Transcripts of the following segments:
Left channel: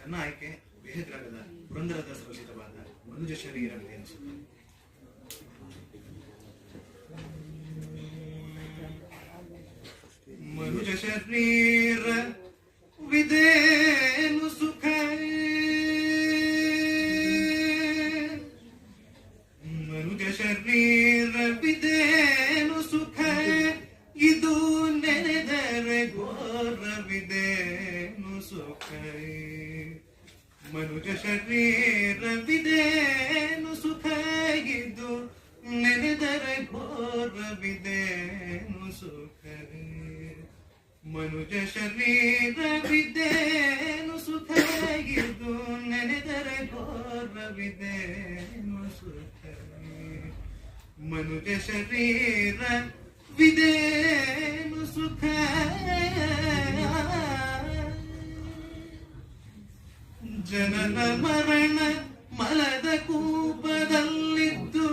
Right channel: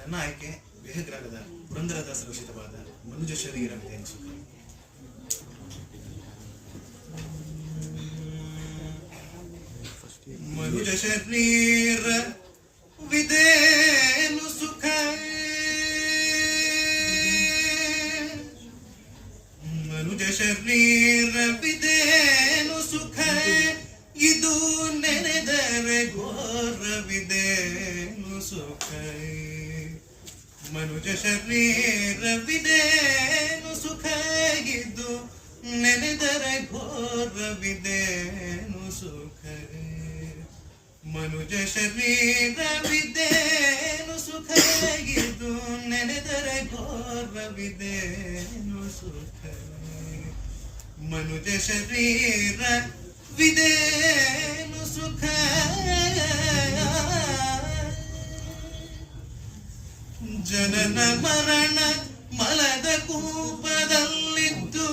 ನನ್ನ ಆಯ್ಕೆ ಬೇಹಗ್ರಾಗದ ಪುರಂದರದಾಸ ರಚಿತವಾದ ಮನುಜ ಶರೀರವಿದೆ ಅನಿಸುತ್ತೆ. ಮನುಜ ಶರೀರ ವಿದೇನು ಸುಖ, ಮನುಜ ಶರೀರ ವಿದೇನು ಸುಖ, ಇದು ನೆನೆದರೆ ಘೋರವಿದೇನು ಸುಖ. ಮನುಜ ಶರೀರ ವಿದೇನು ಸುಖ, ಇದು ನೆನೆದರೆ ಘೋರವಿದೇನು ಸುಖ. ಮನುಜ ಶರೀರವಿದೇನು ಸುಖ, ಇದು ನೆನೆದರೆ ಘೋರವಿದೇನು ಸುಖ. ಮನುಜ ಶರೀರ ವಿದೇನು ಸುಖ, ಜನನ ಮರಣ ಮಲದ ಕೂಪದಲ್ಲಿದ್ದು,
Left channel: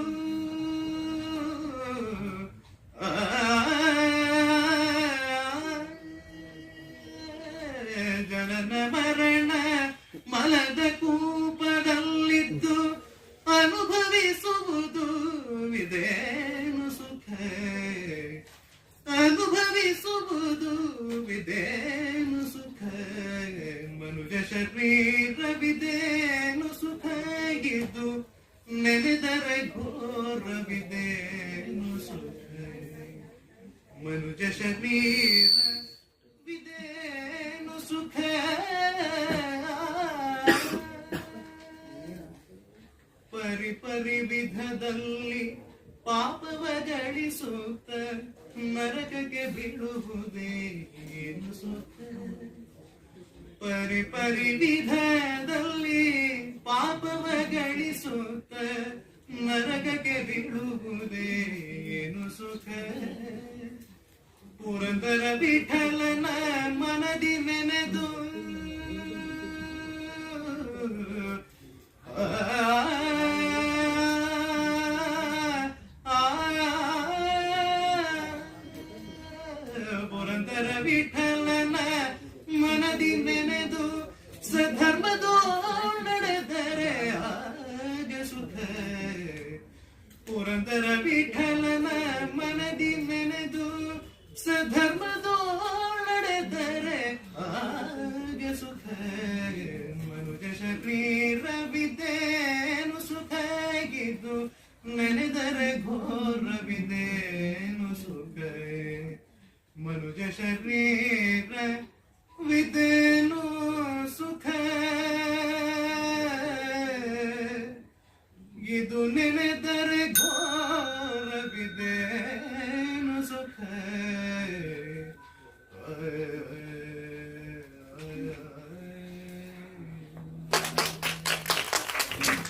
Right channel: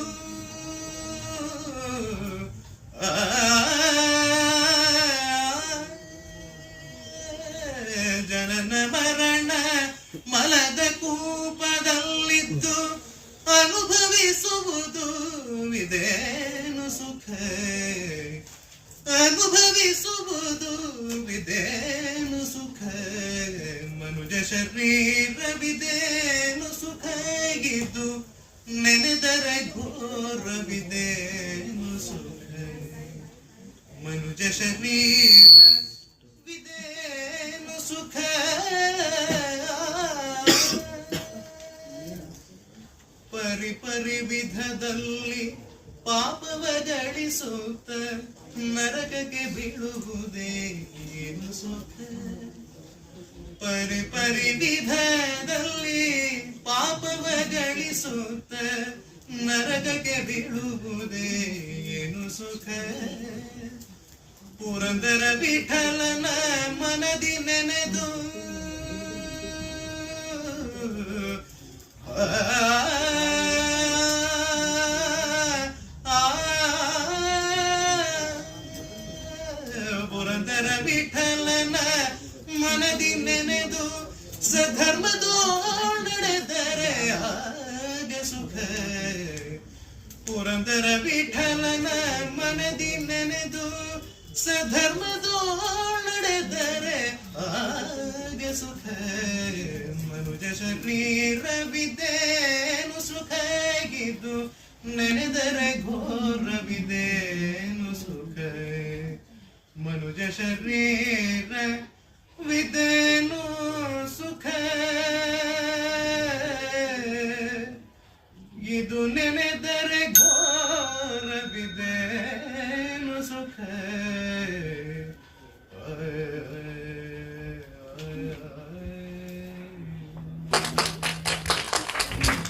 ಜನನ ಮರಣ ಮಲದ ಕೂಪದಲ್ಲಿದ್ದು ಅನುಭವಿಸುವುದು ವಿದೇನು ಸುಖ. ಅನುಭವಿಸುವುದು ವಿದೇನು ಸುಖ. ಮನುಜ ಶರೀರವಿದೇನು ಸುಖ, ಇದು ನೆನೆದರೆ ಘೋರವಿದೇನು ಸುಖ. ಮನುಜ ಶರೀರ ವಿದೇನು ಸುಖ. ಪರಿ ಪರಿ ವಿಧದಲ್ಲಿ ಪಾಪವ ಗಳಿಸುತ್ತ ನರಕಕ್ಕೆ ಬೀಳುವುದೇ ಏನು ಸುಖ. ಪರಿ ಪರಿ ವಿಧದಲ್ಲಿ ಪಾಪವ ಗಳಿಸುತ್ತ ನರಕಕ್ಕೆ ಬೀಳುವುದೇ ಏನು ಸುಖ. ಪುರಂದರ ವಿಠಲನ ಮನದಿ ನೆನೆದು ಪುರಂದರ ವಿಠಲನ ಮನದಿ ನೆನೆದು ಸಧರ್ಮದೋ ನಡೆದರೆ ಆಗ ಸುಖ. ಪುರಂದರ ವಿಠಲನ ಮನದಿ ನೆನೆದು ಸಧರ್ಮದೋ ನಡೆದರೆ ಆಗ ಸುಖ. ಮನುಜ ಶರೀರವಿದೇನು ಸುಖ, ಇದು ನೆನೆದರೆ ಘೋರವಿದೇನು ಸುಖ. ಮನುಜ ಶರೀರ ವಿದೇನು ಸುಖ, ಇದು ನೆನೆದರೆ ಘೋರವಿದೇನು